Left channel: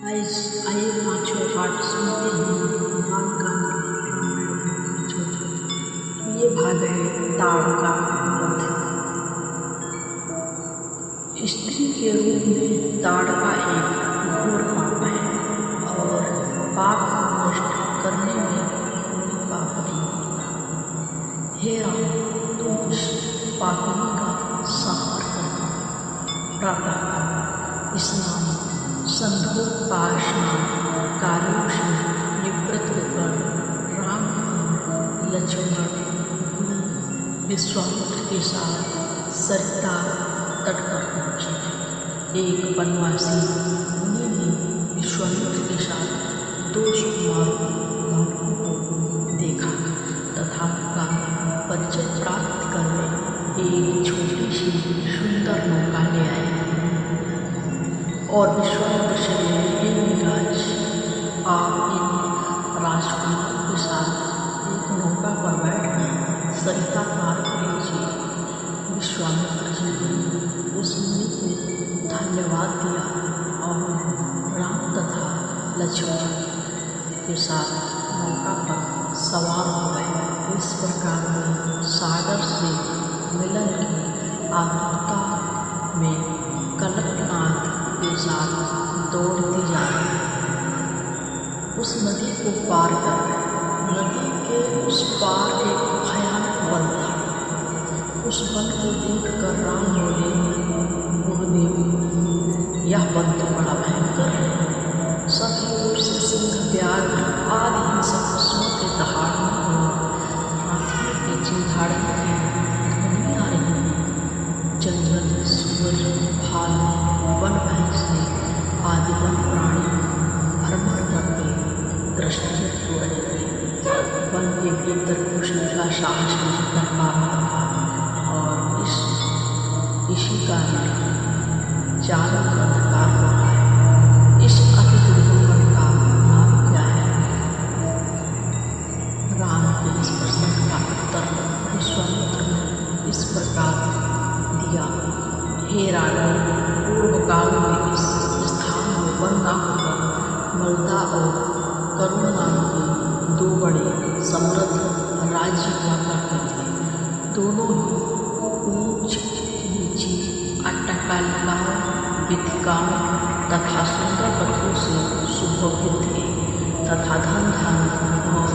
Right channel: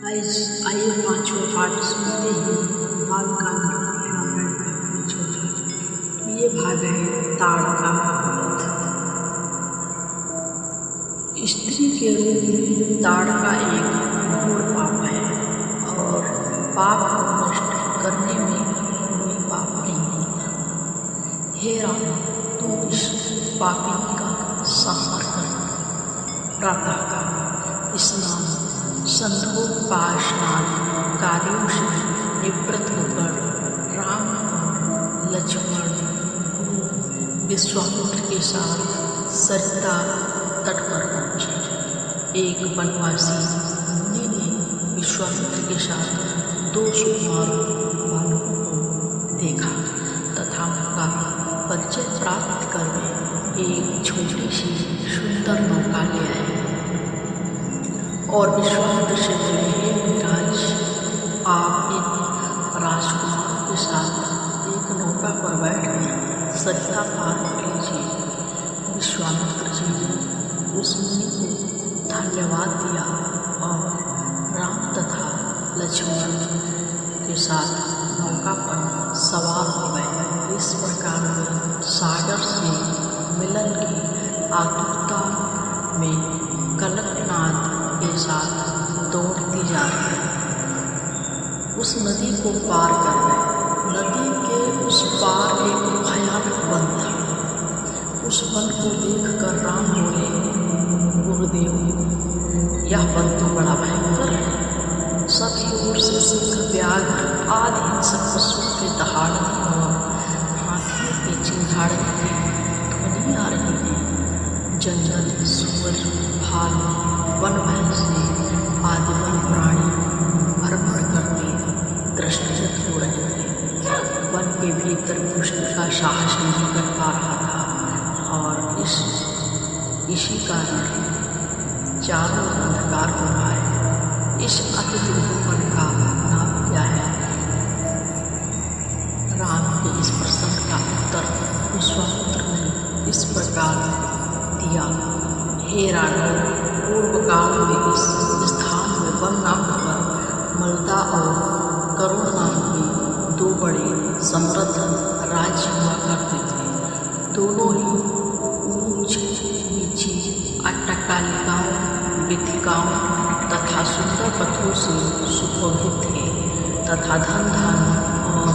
आइए पांचों पाठ सुनते हैं बालकांड रामायण का पांचों भाग। ये भाग है ताड़का वध। स्त्री के रूप में ताड़का एक घोर पाप है और पाप को नष्ट करने में कोई पाप नहीं होता। हे राम, तुम इस पापिनी का संहार करना। प्रातःकाल स्नान संध्योपासनादि कार्यों से निवृत्त होकर राम और लक्ष्मण गुरु विश्वामित्र के साथ सरिता तट पर पहुँचे। एक वनवासी मुनि ने विश्वामित्र के साथ 2 सुकुमार बालकों को देखा तथा उनका परिचय प्राप्त कर वे एक छोटी सी सुंदर नौका ले आए और विश्वामित्र से बोले, हे मुनिराज, आप इन राजकुमारों के साथ एक नौका पर बैठकर सरिता पार कर लीजिए। विश्वामित्र जी ने उस मुनि को धन्यवाद दिया और राम तथा लक्ष्मण के साथ नौका पर सवार हो गए। इस प्रकार वे सागर से मिलन की आतुरता में कनकनाद के साथ दौड़ती जा रही उस नदी को पार कर गए। नदी के उस पार एक भयानक वन था। उस वन को देखकर राम बोले, गुरुदेव, यह वन तो बड़ा भयंकर है। सभी ओर से सिंह, व्याघ्र आदि हिंसक पशुओं के दहाड़ने और हाथियों के चिंघाड़ने की ध्वनि आ रही है। जंगल, सुअर, भालू, वन भैंसे आदि वन प्राणी भ्रमण करते दृष्टिगत हो रहे थे। वन के भीतर घुसने का साहस नहीं कर पा रहा था और इसी कारण चारों ओर अंधकार हो रहा है। इस अति दुर्गम वन का नाम क्या है? राम के इस प्रश्न का उत्तर विश्वामित्र ने इस प्रकार दिया, हे राघव, पूर्व काल में इस स्थान में वन न होकर मलदा और करुण नाम के 2 बड़े समृद्ध राज्य हुआ करते थे। दोनों ही ऊंच नीची अट्टकालिकाओं, वीथिकाओं तथा सुंदर पत्थरों से सुशोभित थे तथा धन धान्य और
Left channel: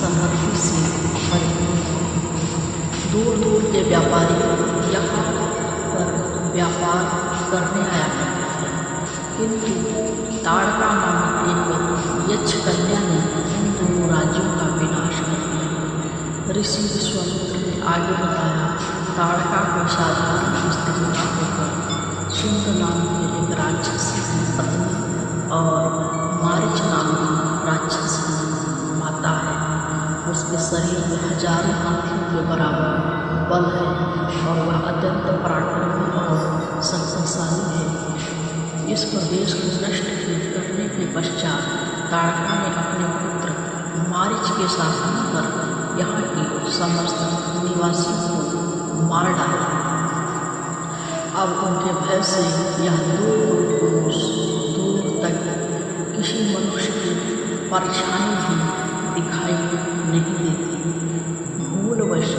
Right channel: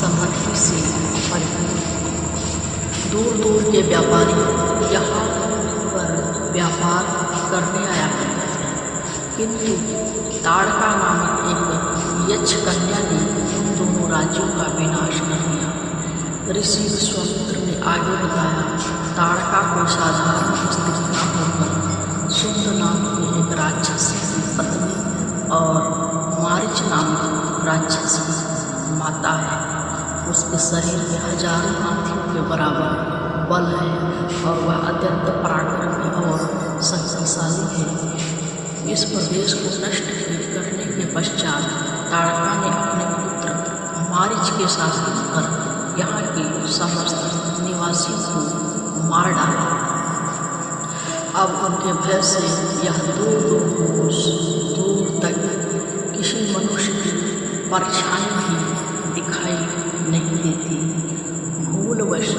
समृद्धि से परिपूर्ण थे। दूर दूर के व्यापारी यहाँ पर व्यापार करने आया करते थे, किंतु ताड़का नामक एक यक्ष कन्या ने उन दोनों राज्यों का विनाश कर दिया। ऋषि विश्वामित्र ने आगे बताया, ताड़का कोई साधारण स्त्री न होकर सुंद नाम के एक राक्षस की पत्नी और मारिच नाम की राक्षस की माता है। उसके शरीर में हजारों हाथियों के बराबर बल है और वह अत्यंत पराक्रमी और शक्तिशाली है। इस प्रदेश को नष्ट करने के पश्चात ताड़का ने अपने पुत्र मारिच के शासन पर यहाँ के समस्त निवासियों को मार डाला। अब उनके भय से यह दूर तक किसी मनुष्य की परछाई भी दिखाई नहीं देती। भूलवश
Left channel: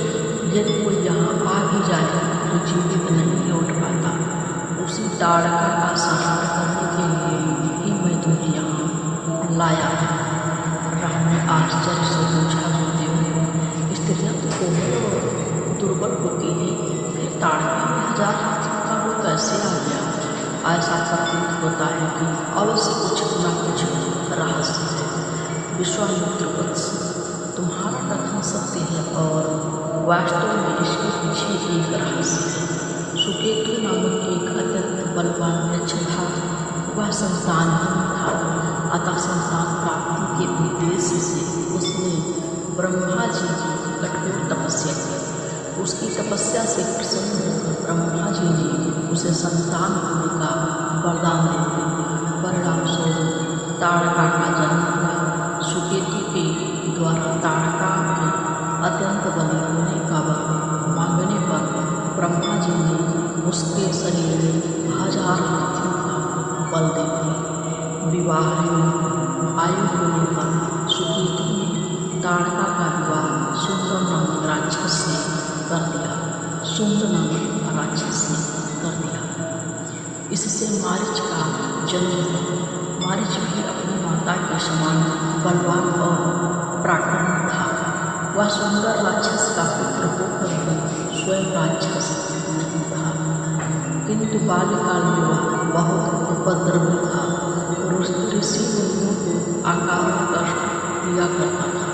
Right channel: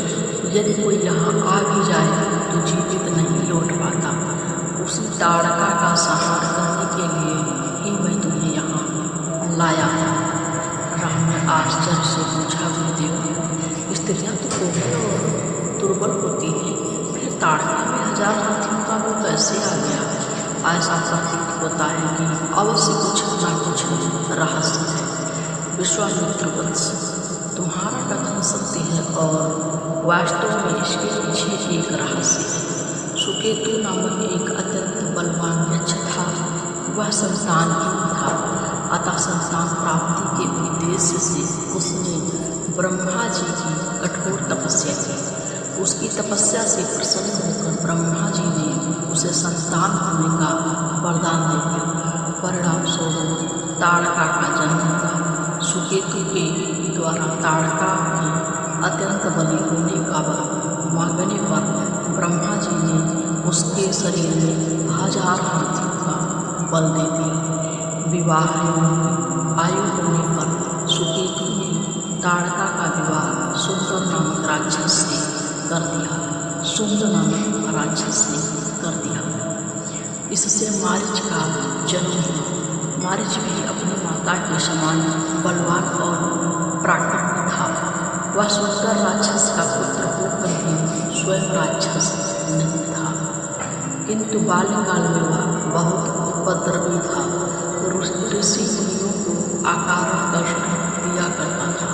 यदि कोई यहाँ आ भी जाए तो जीवित नहीं लौट पाता। उसी ताड़का का संहार करने के लिए ही मैं तुम्हें यहाँ लाया हूँ। राम ने आश्चर्य से पूछा, गुरुदेव, स्त्रियाँ तो कोमल और दुर्बल होती हैं, फिर ताड़का में 1000 हाथियों का वो कैसे आ गया? ऐसा प्रतीत होता है कि अवश्य कुछ न कुछ रहस्य है। विश्वामित्र वत्स, तुम्हारा कथन सत्य है और वास्तव में इसके पीछे एक रहस्य है। सुकेतु नामक एक अत्यंत बलवान यक्ष था। वह संतानहीन था, अतः संतान प्राप्ति के उद्देश्य से उसने ब्रह्मा जी की कठोर तपस्या की। उसकी तपस्या से प्रसन्न होकर ब्रह्मा जी ने उसे संतान होने का वरदान दे दिया। परिणाम स्वरूप ताड़का का जन्म हुआ। सुकेतु के द्वारा ताड़का के अत्यंत बली होने का वर मांगने पर ब्रह्मा जी ने उसके शरीर में 1000 हाथियों का बल दे दिया। विवाह आयु होने पर सुकेतु ने ताड़का का विवाह सुंदर नामक राक्षस ने कर दिया। इससे मारीच का जन्म हुआ। मारीच भी अपनी माता के समान बलवान और पराक्रमी था। वह सुंदर राक्षस का पुत्र होकर भी स्वयं राक्षस नहीं था, किंतु बाल्यकाल में वह बहुत उपद्रवी था। ऋषि मुनियों को अकारण कष्ट दिया करता था।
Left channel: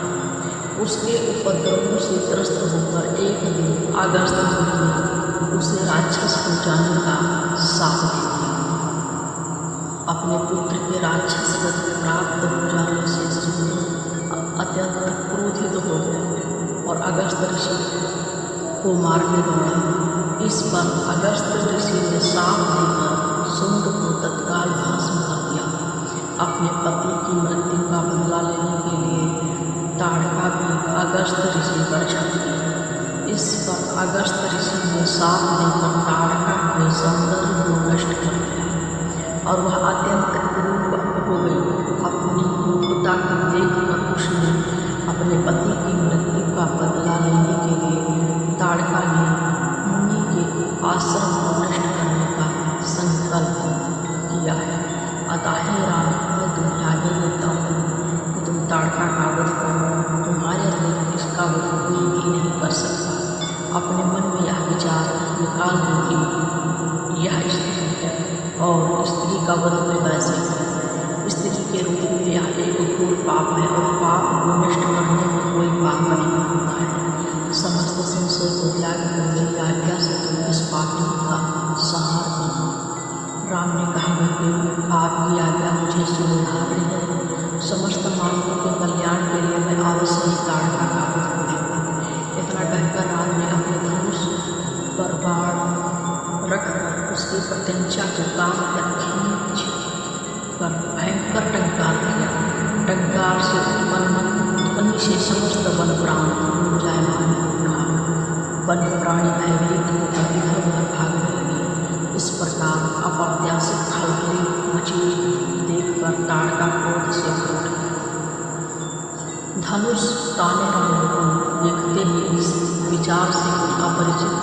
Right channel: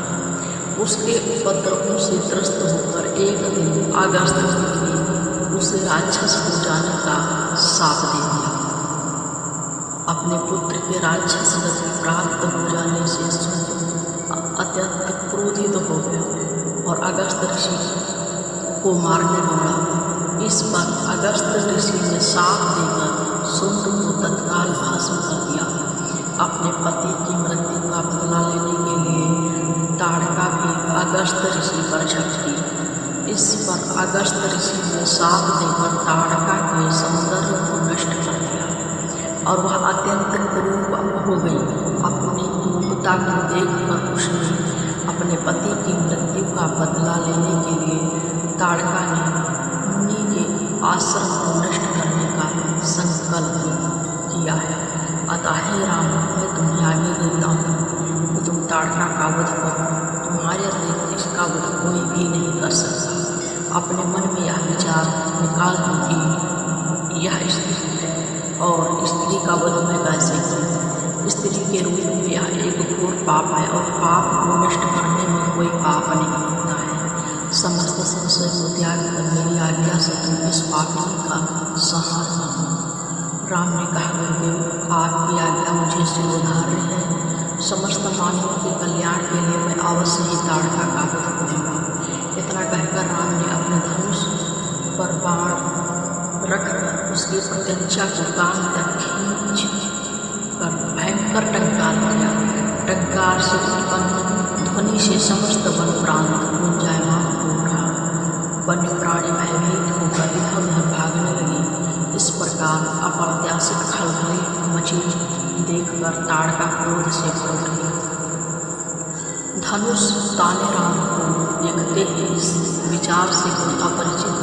उसके उपद्रवों से त्रस्त होकर एक दिन अगस्त ने उसे राक्षस हो जाने का शाप दे दिया। अपने पुत्र के राक्षस गति प्राप्त हो जाने से सुंदर अत्यंत क्रोधित हो गया और अगस्त ऋषि को मारने दौड़ा। इस पर अगस्त ऋषि ने शाप देकर सुंद को तत्काल भस्म कर दिया। अपने पति की मृत्यु का बदला लेने के लिए ताड़का भी अगस्त ऋषि पर झपटी। इस पर अगस्त ऋषि ने शाप देकर ताड़का के सौंदर्य को नष्ट कर दिया और वह अत्यंत क्रूर हो गई। अपनी क्रूरता को देखकर उसने अपने पति की मृत्यु का बदला लेने के लिए ताड़का ने मुनि के आश्रम को नष्ट करने का संकल्प किया है। अतः हे राम, मैं तुम्हें आज्ञा देता हूँ कि तुम ताड़का का वध करो। तुम्हारे अतिरिक्त इसका वध कोई भी नहीं कर सकता। अपने मन में यह विचार निकाल दो कि यह स्त्री है और स्त्री का वध मैं कैसे करूँ। स्त्री के रूप में यह एक घोर पाप है और पाप को नष्ट करने में कोई पाप नहीं होता है। समस्त संशय को त्याग कर मेरी आज्ञा से तुम इस पापिनी का संहार कर दो। राम ने कहा, गुरुदेव, आपकी आज्ञा मुझे शिरोधार्य है। समस्त मानवों के कल्याण के लिए मैं अवश्य ही ताड़का का वध करूँगा। इतना कहकर राम ने अपने धनुष पर बाण रखकर उसकी प्रत्यंचा को कान तक खींच कर भयंकर टंकार किया। टंकार से उत्पन्न ध्वनि से समस्त वन प्रांत गुंजायमान हो उठा। वन्य प्राणी भयभीत होकर इधर उधर भागने लगे। इस प्रकार अप्रत्याशित खलबली मची देखकर ताड़का क्रोध से भर उठ गया। धनुष ताने राम को देखते ही इस विचार से कोई अपरिचित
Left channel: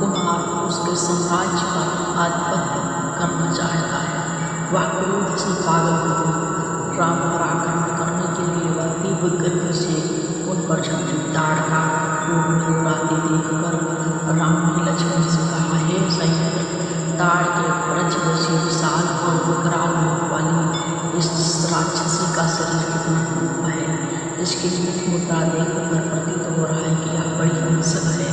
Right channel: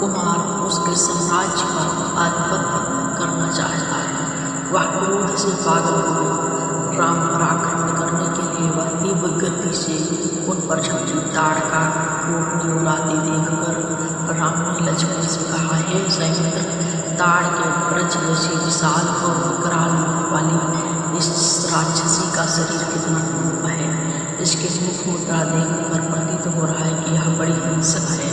कुमार उसके साम्राज्य पर आधिपत्य करना चाहता है। वह क्रोध से पागल हो गया। राम पर आक्रमण करने के लिए वह तीव्र गति से उन पर झपटी। ताड़का को अपनी ओर आते देखकर राम ने लक्ष्मण से कहा, हे सैमित्र, ताड़ के ब्रज जैसी विशाल और विकराल मुख वाली इस राक्षसी का शरीर कितना क्रूर है। इसके मुख मुद्रा देखकर प्रतीत हो रहा है कि यह बड़ी हिंसक है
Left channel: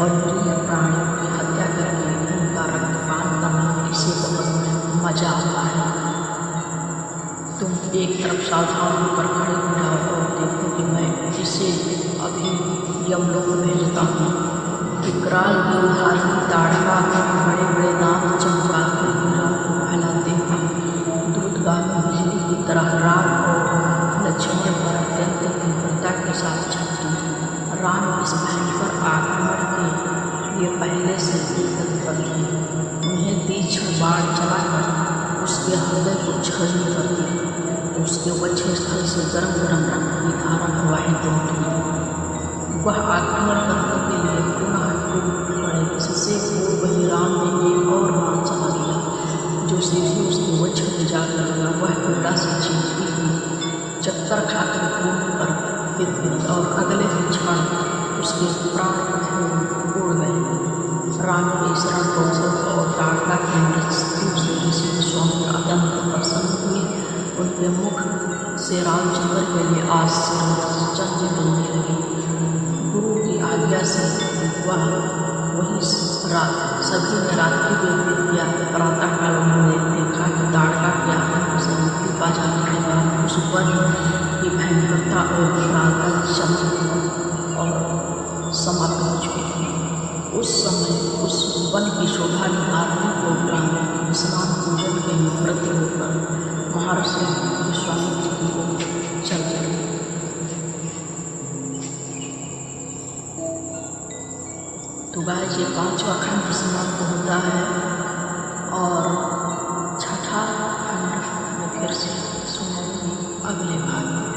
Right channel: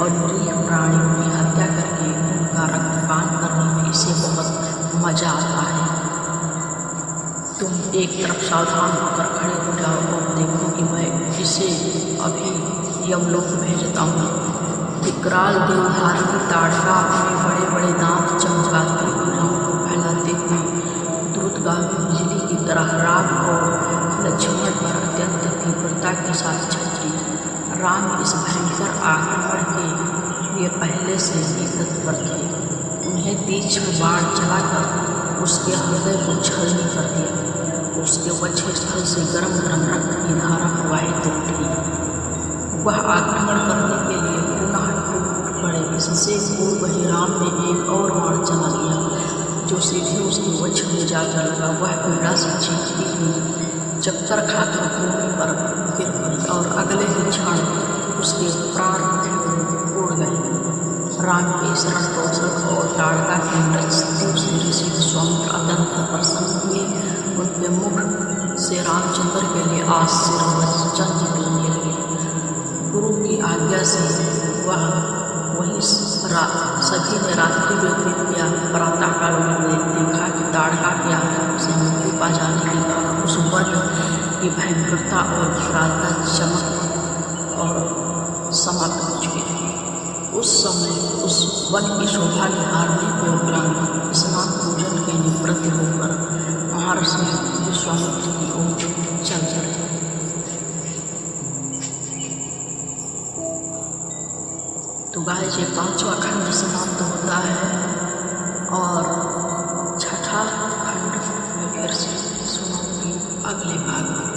और निरीह प्राणियों की हत्या करके उनका रक्तपान करने में इसे बहुत मजा आता है। तुम एक तरफ सावधान होकर खड़े हो जाओ और देखो कि मैं इसे अभी यमलोक भेजता हूँ। विकराल देवधारिणी ताड़का अपने बड़े बड़े दांत चमकाते भुजाओं को फैलाते हुए द्रुतगामी बिजली की तरह राम और लक्ष्मण पर अत्यंत तीव्रता के साथ झपटी। राम इस भयंकर आक्रमण के लिए पहले से ही तत्पर थे। उन्हें तीक्ष्ण बाण चलाकर उसके हृदय को छलनी कर दिया। उसके वक्ष स्थल से गरम गरम रक्त की धारा प्रवाहित उठी। वह आक्रमण करने के लिए पुनः टूट पड़े। इससे पूर्व ही राम ने एक और बाण चला दिया जो सीधे उसके वक्ष में जाकर लगा। वह पीड़ा से चीखती हुई चक्कर खाकर भूमि पर गिर पड़ी और अगले ही क्षण उसके प्राण उड़ गए। राम के शरण कौशल और ताड़का की मृत्यु से ऋषि विश्वामित्र अत्यंत प्रसन्न हुए। उनके मुख से रामचंद्र के लिए आशीर्वचन निकलने लगे। गुरु की आज्ञा से वही सभी ने रात्रि व्यतीत किया। प्रातःकाल उन्होंने देखा कि ताड़का के आतंक से मुक्ति पा जाने के बाद उस वन की भयंकरता और विकरालता चमक और समाप्त हो चुकी थी। उस समय उस वन की शोभा निहारने के उपरांत स्नान पूजन के निवृत्त होकर महर्षि विश्वामित्र की ओर चल चले। तो गाय ये 5वां खंड समाप्त होता है और 6ठा खंड में फिर से सुनाऊंगी अगले भाग में।